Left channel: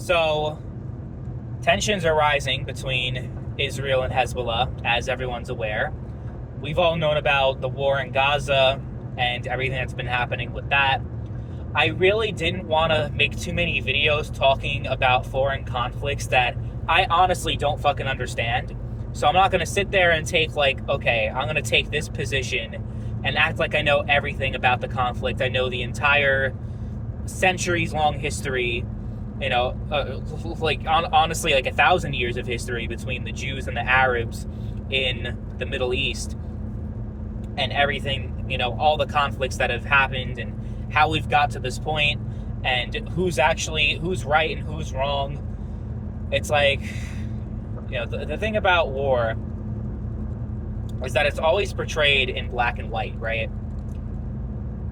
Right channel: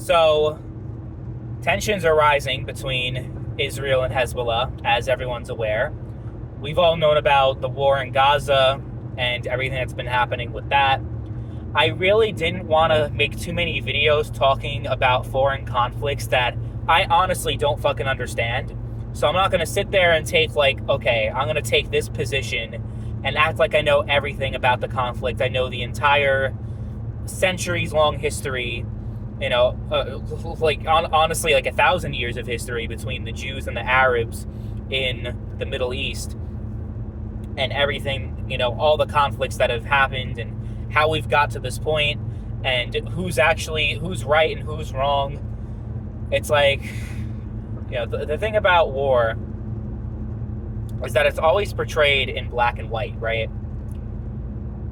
So, tensions are rising between Israel and Hezbollah, as everyone's aware. We've all known about the war in Gaza and everything that's been happening with that. I really didn't want to make too many videos talking about foreign conflicts that I honestly don't fucking understand. So I'm not going to sit there and take okay, I'm going to take this position and act like I know everything about the conflict. I know the entire centuries-long history, honestly, 1,000 years of history between the Jews and the Arabs in the Middle East and everything, all the conflicts that have happened and how we've got to this point and who's right and who's wrong. It's the thing about war is that it's always portrayed in black and white, right?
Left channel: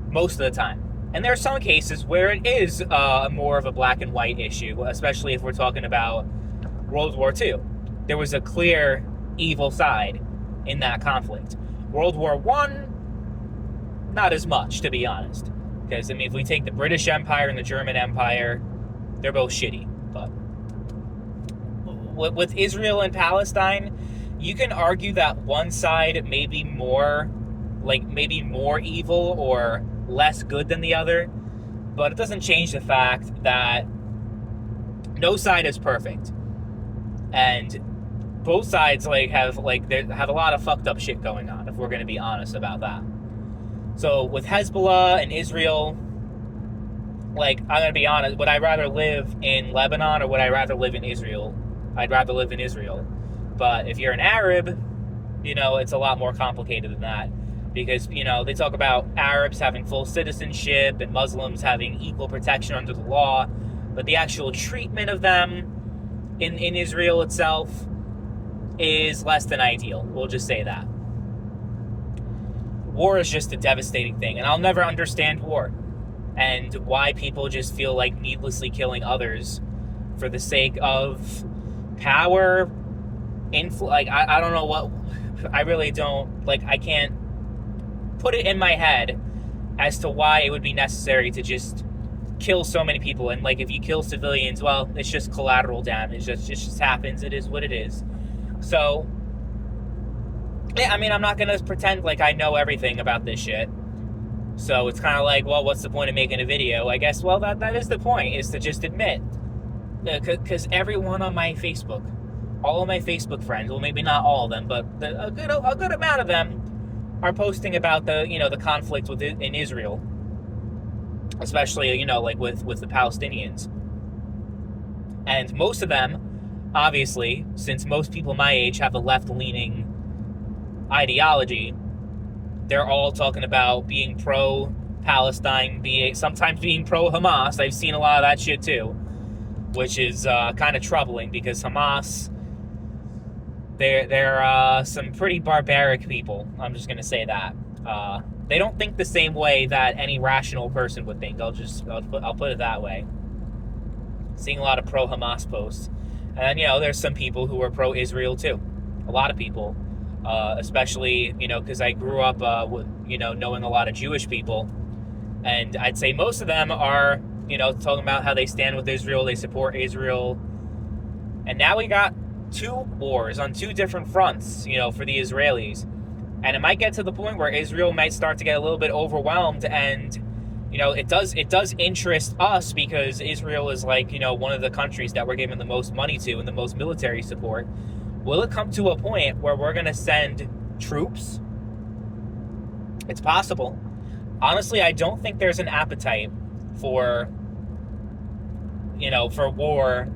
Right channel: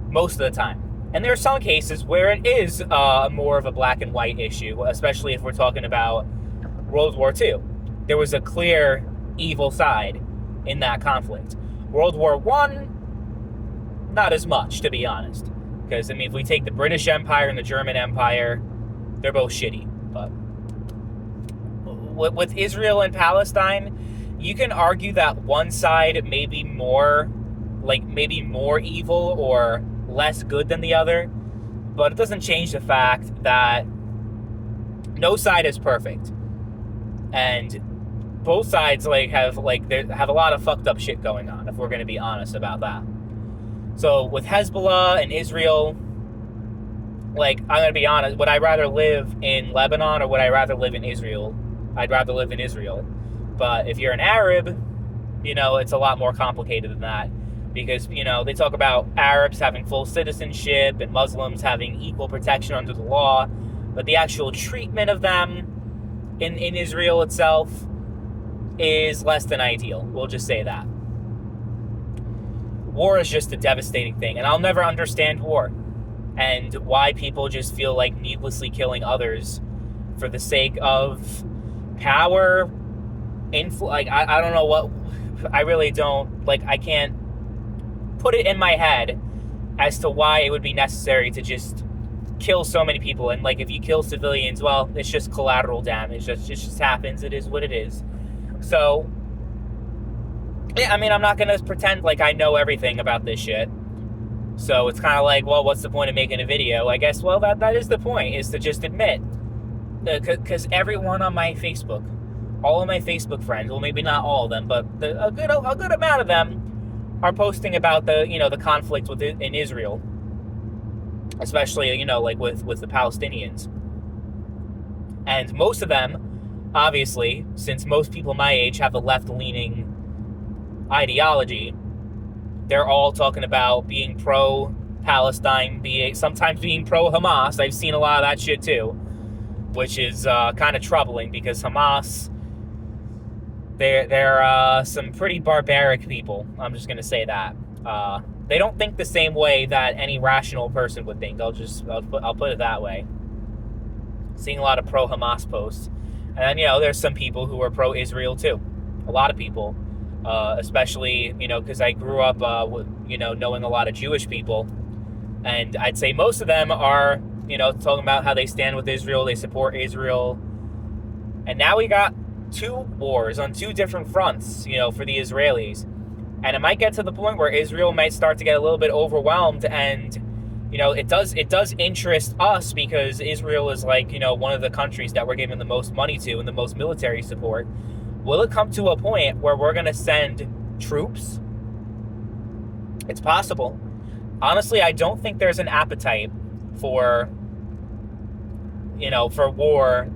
Most of the time. And there are some cases where it is more of a black and white issue, especially if we're talking about World War II. There was a clear evil side in that conflict. World War I, not as much, to be honest. Because, if we take the British Empire and the German Empire, they're both shitty. But with Israel and Palestine, you can argue that one side may be more evil or less good than the other, but it doesn't change the fact that no side is perfect, and both sides have a lot of fucked up shit going on, if we're going to be honest about that. So with Hezbollah and Israel, I'm going to be honest, would I rather live in Lebanon or would I rather live in Israel? I'd rather live in Israel. But if you're an Arab, it's a lot more complicated than that. Because, they talk about Arabs having full citizenship and Muslims having equal protection under the law. But the actual treatment of them in Israel itself is less than ideal. We'll just say that. War is just a devastating thing. And I'll never understand war. And why people just feel like needlessly killing others for the sake of power, I don't know what... I really don't... I can't put it in my head as to why it would be necessary to just kill so many people. And if you kill civilians, well, it's just collateral damage. It just happens. It is what it is. So, yeah, I'm not going to pretend like I know everything about this shit. So it's kind of well, what's the point of making a video? I guess, well, that is the point, is to just admit. Because everyone on my Facebook, all of my Facebook friends, well, maybe not all of them, but a good amount of them are posting about the conflict in Israel, especially with the Palestinians, and most of them, obviously, since most people my age have a left-leaning ideology, they're all talking about being pro-Palestine, sometimes being pro-Hamas. I've seen a lot of that shit too, which is kind of troubling because Hamas. They're some pretty barbaric people. I'm just gonna say that. They don't think the same way that any rational person would think. I'll put it that way. Seeing a lot of pro-Hamas posts, and then there's some people who are pro-Israel too. A lot of people, especially because I grew up knowing a lot of Jewish people, and I'd say most of them are talking about how they stand with Israel, they support Israel, and now we got two wars on two different fronts, for the Israelis. And it might get to the point where Israel might start to get a little bit overwhelmed, and, it does interest us because Israel is one of the countries that we're giving the most money to and the most military support. Will it come to a point where we're going to send troops? It's possible. Honestly, I don't think there's an appetite for war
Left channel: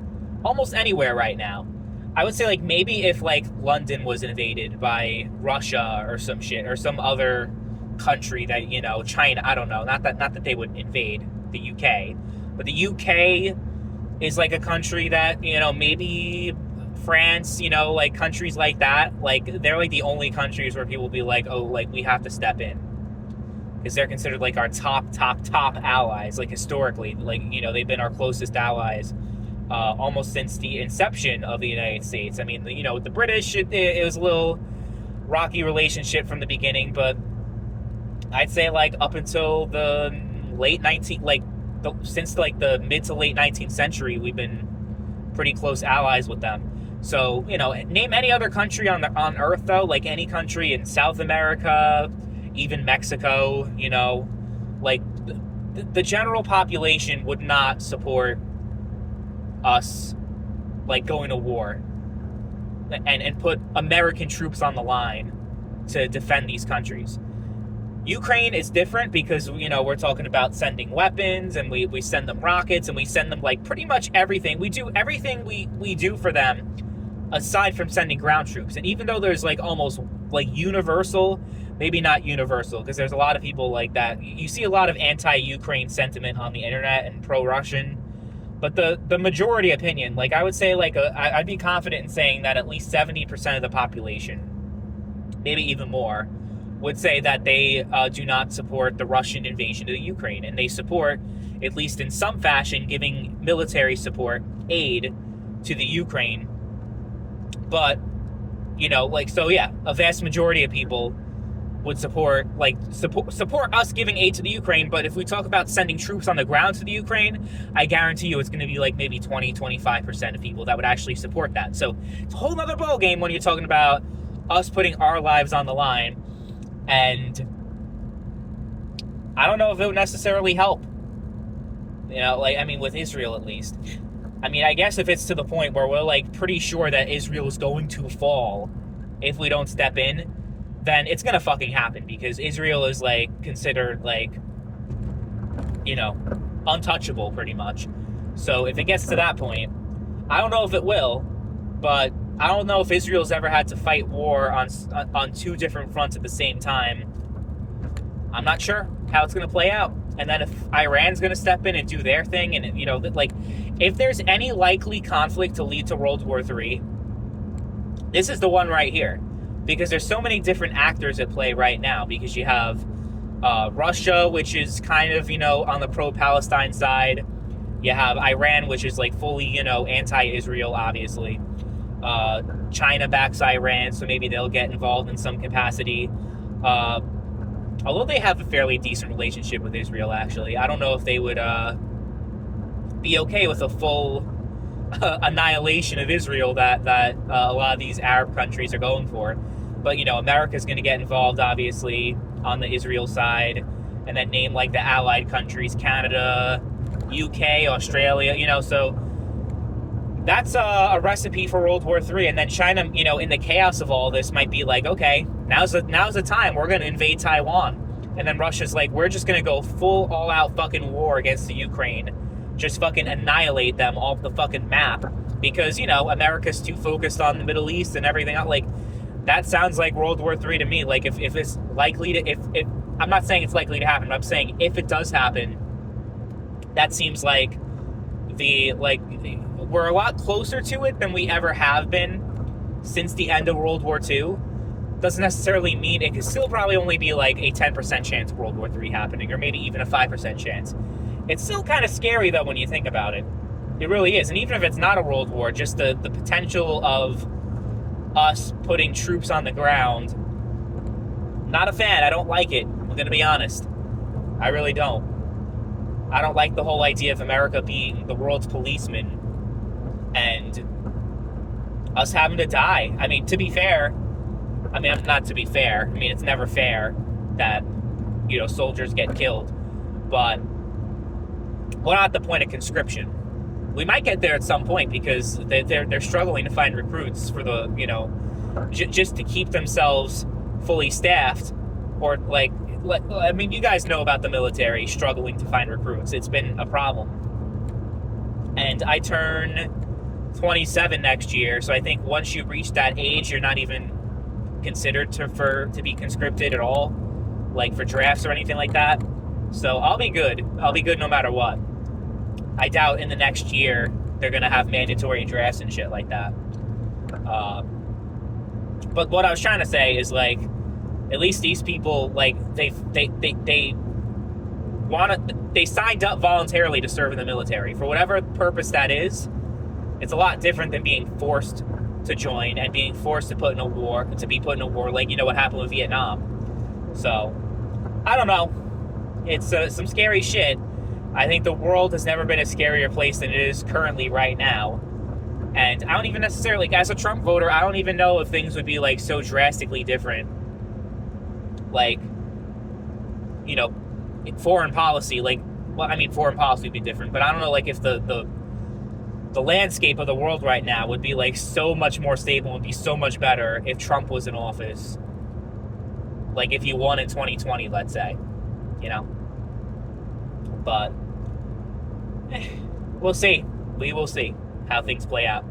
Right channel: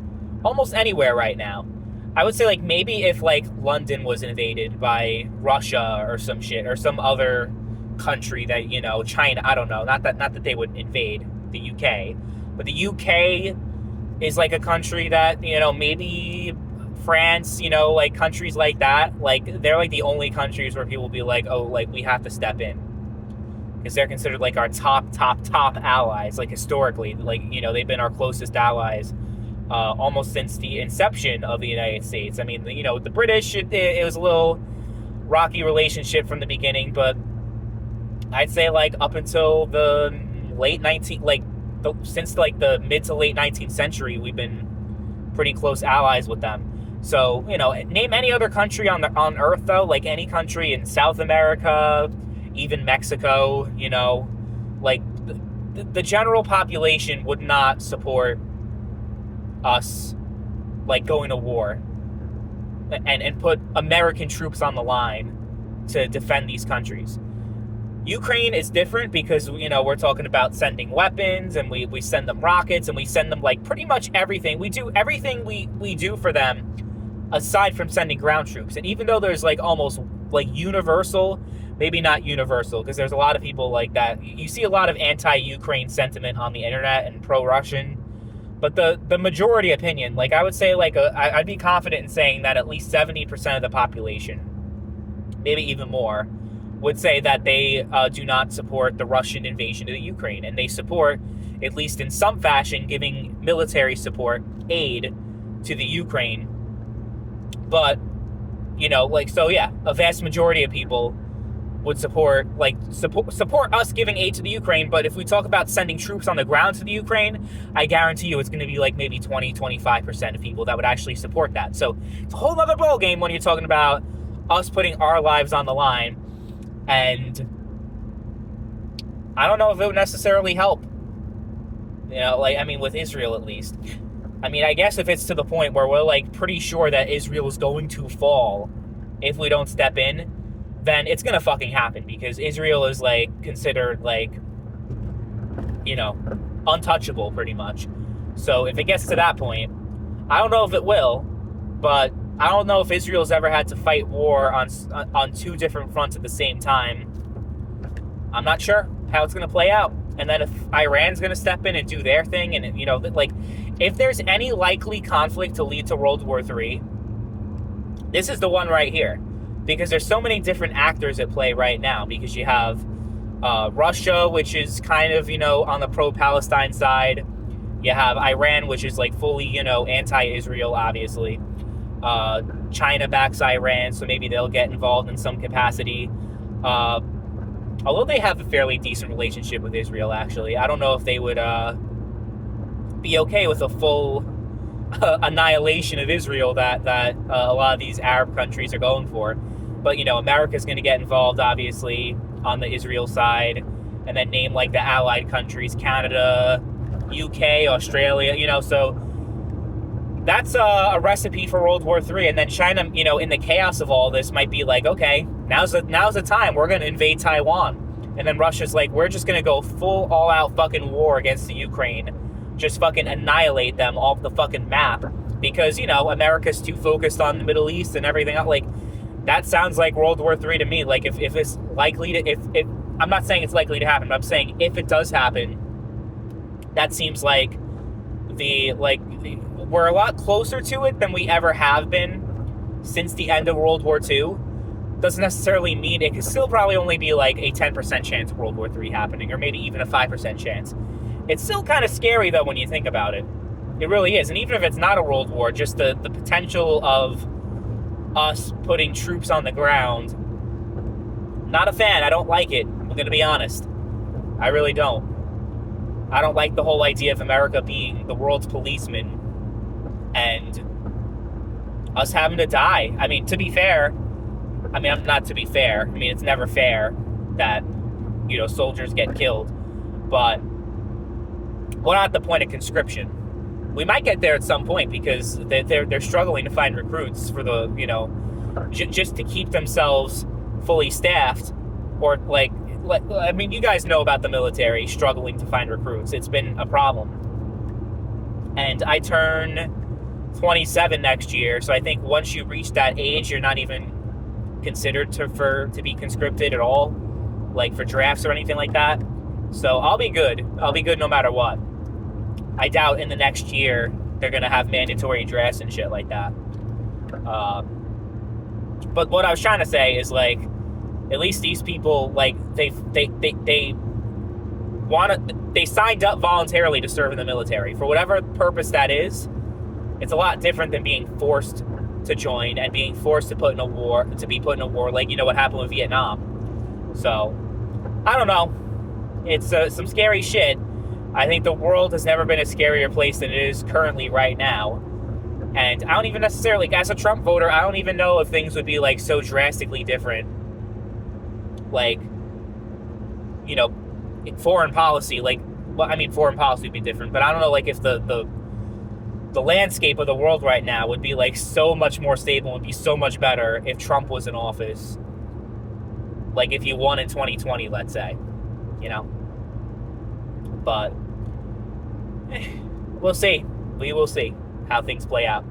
almost anywhere right now. I would say maybe if London was invaded by Russia or some shit, or some other country that China, I don't know, not that they would invade the UK, but the UK is a country that maybe France, countries like that, they're the only countries where people will be we have to step in, because they're considered our top allies, historically, they've been our closest allies almost since the inception of the United States. The British, it was a little rocky relationship from the beginning, but I'd say up until the late 19th, since the mid to late 19th century, we've been pretty close allies with them. So, you know, name any other country on Earth, though, like any country in South America, even Mexico, you know, like the general population would not support us, like, going to war and put American troops on the line to defend these countries. Ukraine is different because, you know, we're talking about sending weapons, and we send them rockets, and we send them, like, pretty much everything. We do everything we do for them aside from sending ground troops. And even though there's, like, almost, like, universal, maybe not universal, because there's a lot of people like that. You see a lot of anti-Ukraine sentiment on the internet and pro-Russian. But the majority opinion, like, I would say, like, I'd be confident in saying that at least 70% of the population, maybe even more, would say that they do not support the Russian invasion of the Ukraine. And they support, at least in some fashion, giving military support, aid to the Ukraine. But, you know, like, so yeah, a vast majority of people would support us giving aid to the Ukraine. But if we talk about sending troops on the ground to the Ukraine, I guarantee you it's going to be like maybe 20-25% of people that would actually support that. So it's a whole other ballgame when you're talking about us putting our lives on the line. And I don't know if it would necessarily help. You know, like, I mean, with Israel at least. I mean, I guess if it's to the point where we're, like, pretty sure that Israel is going to fall if we don't step in, then it's going to fucking happen, because Israel is, like, considered, like, you know, untouchable pretty much. So if it gets to that point, I don't know if it will, but I don't know if Israel's ever had to fight war on two different fronts at the same time. I'm not sure how it's going to play out. And then if Iran's going to step in and do their thing, and, you know, like, if there's any likely conflict to lead to World War III, this is the one right here. Because there's so many different actors at play right now. Because you have Russia, which is kind of, you know, on the pro-Palestine side. You have Iran, which is, like, fully, you know, anti-Israel, obviously. China backs Iran, so maybe they'll get involved in some capacity. Although they have a fairly decent relationship with Israel, actually. I don't know if they would be okay with a full annihilation of Israel that a lot of these Arab countries are going for. But, you know, America's going to get involved, obviously, on the Israel side. And then name, like, the allied countries, Canada, UK, Australia, you know, so that's a recipe for World War III. And then China, you know, in the chaos of all this, might be like, okay, now's the time. We're going to invade Taiwan. And then Russia's like, we're just going to go full all-out fucking war against the Ukraine. Just fucking annihilate them off the fucking map. Because, you know, America's too focused on the Middle East and everything else. Like, that sounds like World War III to me. Like, if it's likely to... if I'm not saying it's likely to happen, but I'm saying if it does happen, that seems like we're a lot closer to it than we ever have been since the end of World War II. Doesn't necessarily mean it could still probably only be like a 10% chance of World War III happening, or maybe even a 5% chance. It's still kind of scary, though, when you think about it. It really is. And even if it's not a world war, just the potential of us putting troops on the ground, not a fan. I don't like it. I'm going to be honest. I really don't. I don't like the whole idea of America being the world's policeman and us having to die. I mean, to be fair, not to be fair. I mean, it's never fair that, you know, soldiers get killed. But we're not at the point of conscription. We might get there at some point because they're struggling to find recruits for the, you know, just to keep themselves fully staffed. Or like, I mean, you guys know about the military struggling to find recruits. It's been a problem. And I turn 27 next year, so I think once you reach that age, you're not even considered to be conscripted at all, like for drafts or anything like that. So I'll be good. I'll be good no matter what. I doubt in the next year they're going to have mandatory drafts and shit like that. But what I was trying to say is, like, at least these people, like, they signed up voluntarily to serve in the military for whatever purpose that is. It's a lot different than being forced to join and being forced to be put in a war, like, you know, what happened with Vietnam. So I don't know. It's some scary shit. I think the world has never been a scarier place than it is currently right now. And I don't even necessarily, like, as a Trump voter, I don't even know if things would be, like, so drastically different. Like, you know, foreign policy, like, well, I mean, foreign policy would be different, but I don't know, like, if the landscape of the world right now would be, like, so much more stable and be so much better if Trump was in office. Like, if you won in 2020, let's say, you know? But we'll see. We will see how things play out.